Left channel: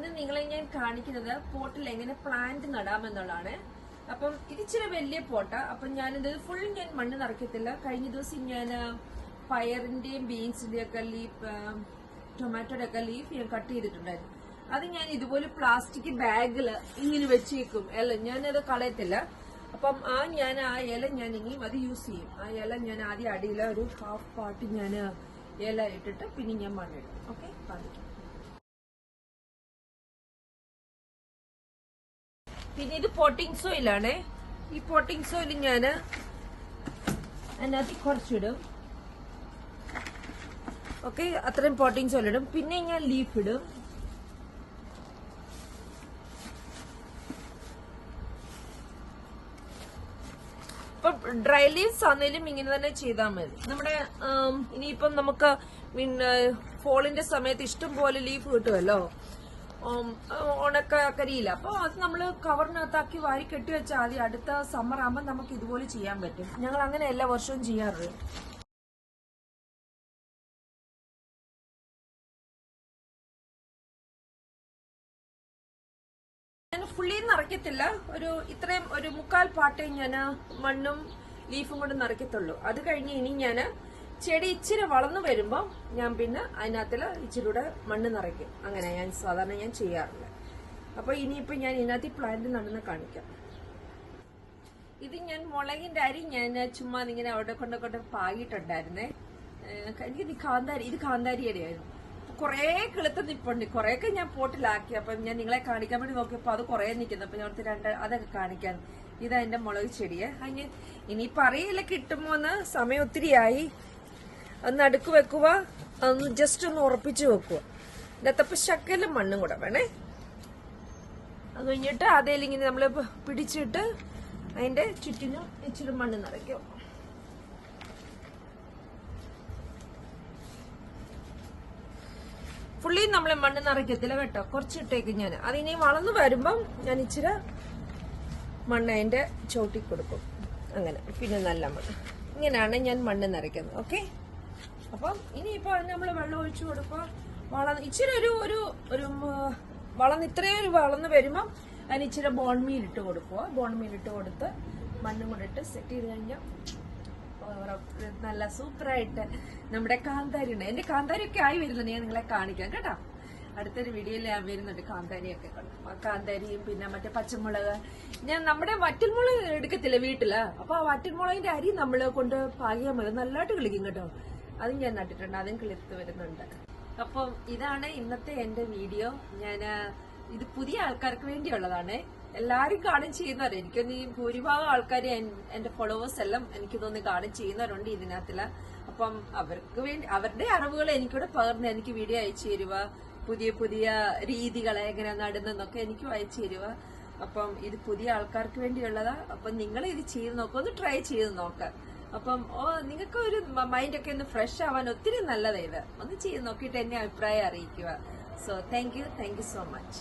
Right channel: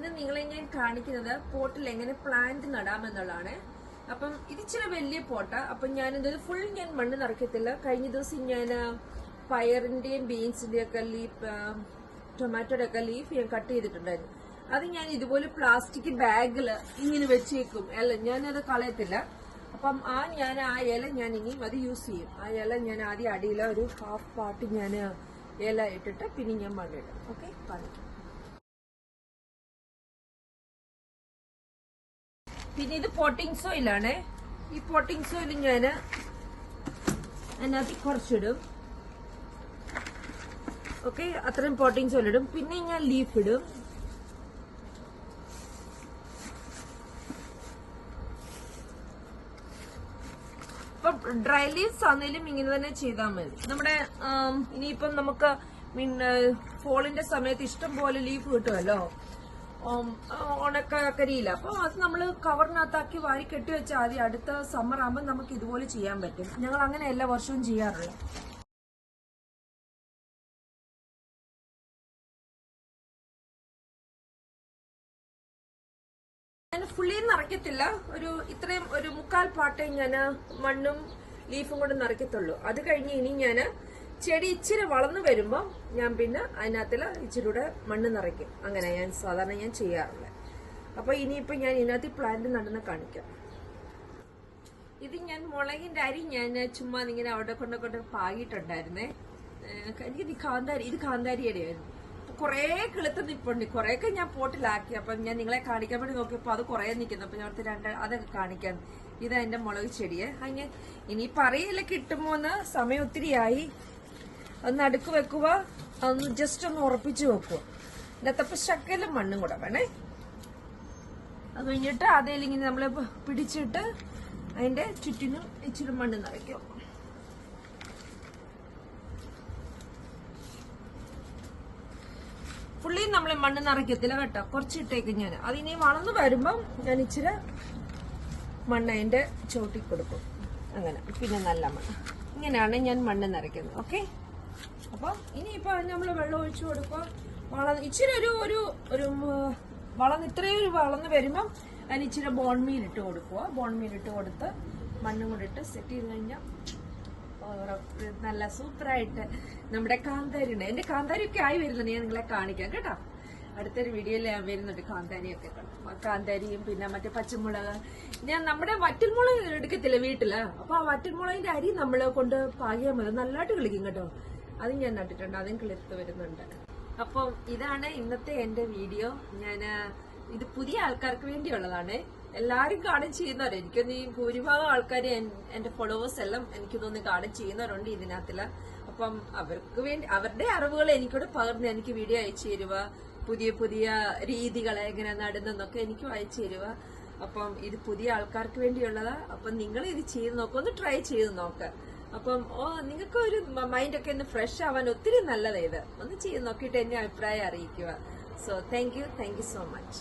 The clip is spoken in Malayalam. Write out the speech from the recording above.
ഇന്ന് നിങ്ങളെ ഞാൻ കാണിക്കുന്നത് പോട്ടിൽ എങ്ങനെ പ്ലാന്റ് നടാമെന്നുള്ളതാണ്. അപ്പം ഇത് ഇച്ചിരി വലിയ പോട്ടാ. അപ്പം ഞാനിത് ഫുൾ ഞാൻ മണ്ണ് നിറയ്ക്കത്തില്ല. കഴിഞ്ഞ ദിവസം ഞാൻ പയറിന്റെയും ബീൻസിന്റെയും ഒക്കെ ലീഫ്, ടൊമാറ്റോയുടെ ഒക്കെ ലീഫ് ഞാൻ കട്ട് ചെയ്തിട്ടുണ്ടായിരുന്നു. അത് ഞാൻ ഇതുപോലെ പ്ലാസ്റ്റിക് ബാഗില് ഇങ്ങനെ വെച്ചേക്കും. അല്ല, ഞാനത് കളയത്തില്ല. അപ്പം ആ ഇല ഞാൻ ഇനിയും അത് യൂസ് ചെയ്യും. ആ ഇല ഞാൻ ആദ്യം അടിയില ഒരു ഹാഫ് പാർട്ട് ഞാൻ ഇല ഇട്ടിട്ട് പിന്നെ ഞാൻ മണ്ണിടും. ഓക്കെ, കാണിക്കും. പിന്നെ ഇത് പോട്ടിംഗ് സോയിലാണ്. ഈ പോട്ടിംഗ് സോയിൽ ഞാൻ അതിനകത്ത് കുറച്ചിടും. ഓക്കെ, അത്രയും പോട്ടിംഗ് സോയിൽ ഇടും. പിന്നെ ഞാൻ ലീഫ് ഇടും. ഇപ്പൊ ഡ്രൈ ലീവ്സ് ആണെങ്കിലും ഇങ്ങനെ തന്നെ ചെയ്താൽ മതി. നമ്മുടെ ഇനിയിപ്പം നമുക്ക് ഫോളിന്റെ സമയത്ത് ഇഷ്ടം പോലെ ലീഫ് കിട്ടുമല്ലോ, ഉണക്കരിയില്ല. അപ്പൊ അത് നമ്മൾ കവറിനകത്താക്കി വാരി കെട്ടി വെച്ചാൽ ആദ്യം അടുത്ത സമ്മർ ആകുമ്പോൾ നമുക്ക് ഇതുപോലെ ചെയ്യാൻ പറ്റും. ഞങ്ങൾ അങ്ങനെ എല്ലാ വർഷവും ചെയ്യാറുള്ളത്. ഞാൻ ഫുള്ളി നിറയ്ക്കത്തില്ല. ഇത്രയും ഒരു മുക്കാൽ പാട്ടേ ഞാൻ മണ്ണും ലീഫും കൊണ്ട് നിറയ്ക്കത്തുള്ളൂ. അത് കഴിഞ്ഞ് ഇനി ഞാൻ ചെടി ഇച്ചിരി വളർന്നു വരുമ്പോൾ ഞാൻ പിന്നെ അതിനകത്തിൽ ഇച്ചിരി കൂടെ മണ്ണ് നിറയ്ക്കും. അങ്ങനെ ഞാൻ സാധാരണ ചെയ്യാറുള്ളത്. അപ്പൊ ഇനിയിപ്പോ ഞാൻ ഇതിനകത്ത് പ്ലാന്റ് നടുന്ന കാണിക്കാം. ഇത് ഞാൻ മുളകിന്റെ അരി ഞാൻ ചുമ്മാ ഇങ്ങനെ അവിടെ കൊണ്ട് പാകിയിട്ടുണ്ടായിരുന്നേ. ഇത് കാന്താരിയുടെ ആയിരുന്നു. കുറെ കിളുത്ത് നിപ്പുണ്ട്. കുറെയൊക്കെ ഞാൻ പോട്ടിലാക്കി. അപ്പം ഞാൻ നിങ്ങളെ കാണിക്കാൻ വേണ്ടി നോക്കിയപ്പോ അത് കുറെ നിൽക്കുന്നു. അപ്പൊ ഞാൻ അതൊക്കെ കാണിക്കാൻ. ഇതാ എന്റെ മുളക് ചെടിയെ. അങ്ങനെ ഇനിയിപ്പോ അറിയില്ല കിട്ടുമോന്ന്. സമയം ഒത്തിരിയായി. ഒന്ന് അടുക്ക് വെക്കുക, ജസ്റ്റ് ഒന്ന് ഉറപ്പിച്ചു വെക്കുക. ഇതിനകത്തപ്പോ ശക്കലും മണ്ണും കൂടെ വേണേ. അത് കഴിഞ്ഞിട്ട് അതേലിങ്ങനെ നമ്മള് പിടിച്ചിട്ട് അതിന്റെ ചുറ്റിനും ഇച്ചിരി മണ്ണ് നിറയ്ക്കും. ഫുള്ളി നമ്മൾ മണ്ണ് നിറയ്ക്കത്തില്ല കേട്ടോ, കുറച്ചിട്ടേക്ക് ഞാൻ. അതിനി വളർന്നു വരുമ്പം ഞാൻ ഇച്ചിരി മണ്ണ് അതിന്റെ ചോട്ടി കൊടുക്കും. അങ്ങനെ പിന്നെ നല്ല മണ്ണ്. ഇങ്ങനെയാണ് ഞാൻ മണ്ണ് നിറയ്ക്കുന്നത്. ഓക്കെ, അപ്പം ഇനിയിപ്പോ നമ്മൾ വെള്ളം ഒഴിച്ചു കൊടുക്കുക. ഇച്ചിരി ഇത്രയും വളർന്ന് വരുമ്പം അതിന് ഇച്ചിരി ബോൺമീൽ ഇട്ട് കൊടുക്കുക. ബോൺമീൽ ഇട്ട് കൊടുത്ത് മണ്ണും കൂടെ ഇട്ട് സെറ്റ് ചെയ്ത് കഴിഞ്ഞാൽ നല്ല സൂപ്പറായിട്ട് നമ്മുടെ കാന്താരി ഉണ്ട്. എന്റെ കാന്താരിയൊക്കെ ആയി വരുന്നുണ്ട്. ഞാൻ നിങ്ങളെ കാണിക്കാം കേട്ടോ. അടുത്തൊരു വീഡിയോയിൽ ഞാൻ വരുന്നുണ്ട് കാന്താരിയൊക്കെ കണ്ടു. കാന്താരിയും പിന്നെ മറ്റേ പച്ചമുളക്. ഞാൻ നമ്മുടെ വറ്റൽമുളക് എടുക്കത്തില്ല വീട്ടില്. അപ്പൊ ആ വറ്റൽമുളകിന്റെ അരി നമ്മൾ കൊണ്ട് പാകിയാൽ മതി, നല്ലതായിട്ട് കിളിക്കും കേട്ടോ. അതും ഞാൻ നട്ടിട്ടുണ്ട്, അതും കിളിർത്ത് വരുന്നുണ്ട്. അപ്പം ഇതാണ് ഇന്നത്തെ എന്റെ വീഡിയോ. ഇത് പുതിയ ആൾക്കാർക്ക് വേണ്ടിയുള്ളതാണ്. എല്ലാരും കാണും ചെയ്യുന്നവർ. എനിക്കൊന്ന് ഈ ഭൂരിഭാഗം ആൾക്കാർ എന്റെ ഫോളോവേഴ്സ് എല്ലാം എനിക്ക് തോന്നുന്നു കാണും ചെയ്യുന്നവരുണ്ട് ഇതിനകത്തില്ല. അപ്പം അവർക്ക് വേണ്ടി അവരുടെ അറിവുകൾ എനിക്കൂടെ പകർന്ന് എനിക്ക് വീഡിയോ അയച്ചു തരുക. പുതിയ രീതികൾ എങ്ങനെ നടുന്നൊക്കെ എനിക്കും അയച്ചു തരുക. അപ്പം ഇത് പുതിയ ആൾക്കാർക്ക് വേണ്ടിയുള്ളതാ. അപ്പം നിങ്ങൾ ഇത് ചെയ്ത് നോക്കുക, ഒന്ന് ട്രൈ ചെയ്ത് നോക്കാം. അപ്പം നിങ്ങൾക്ക് ഒരു മൈൻഡൊക്കെ ഒന്ന് ഫ്രഷ് ആവാൻ ഒത്തിരി നല്ലതാ ഇത്. ഒന്ന് ചെയ്ത് നോക്കിയിട്ട് എന്നെ അഭിപ്രായം അറിയിക്കുക. So thank you so much.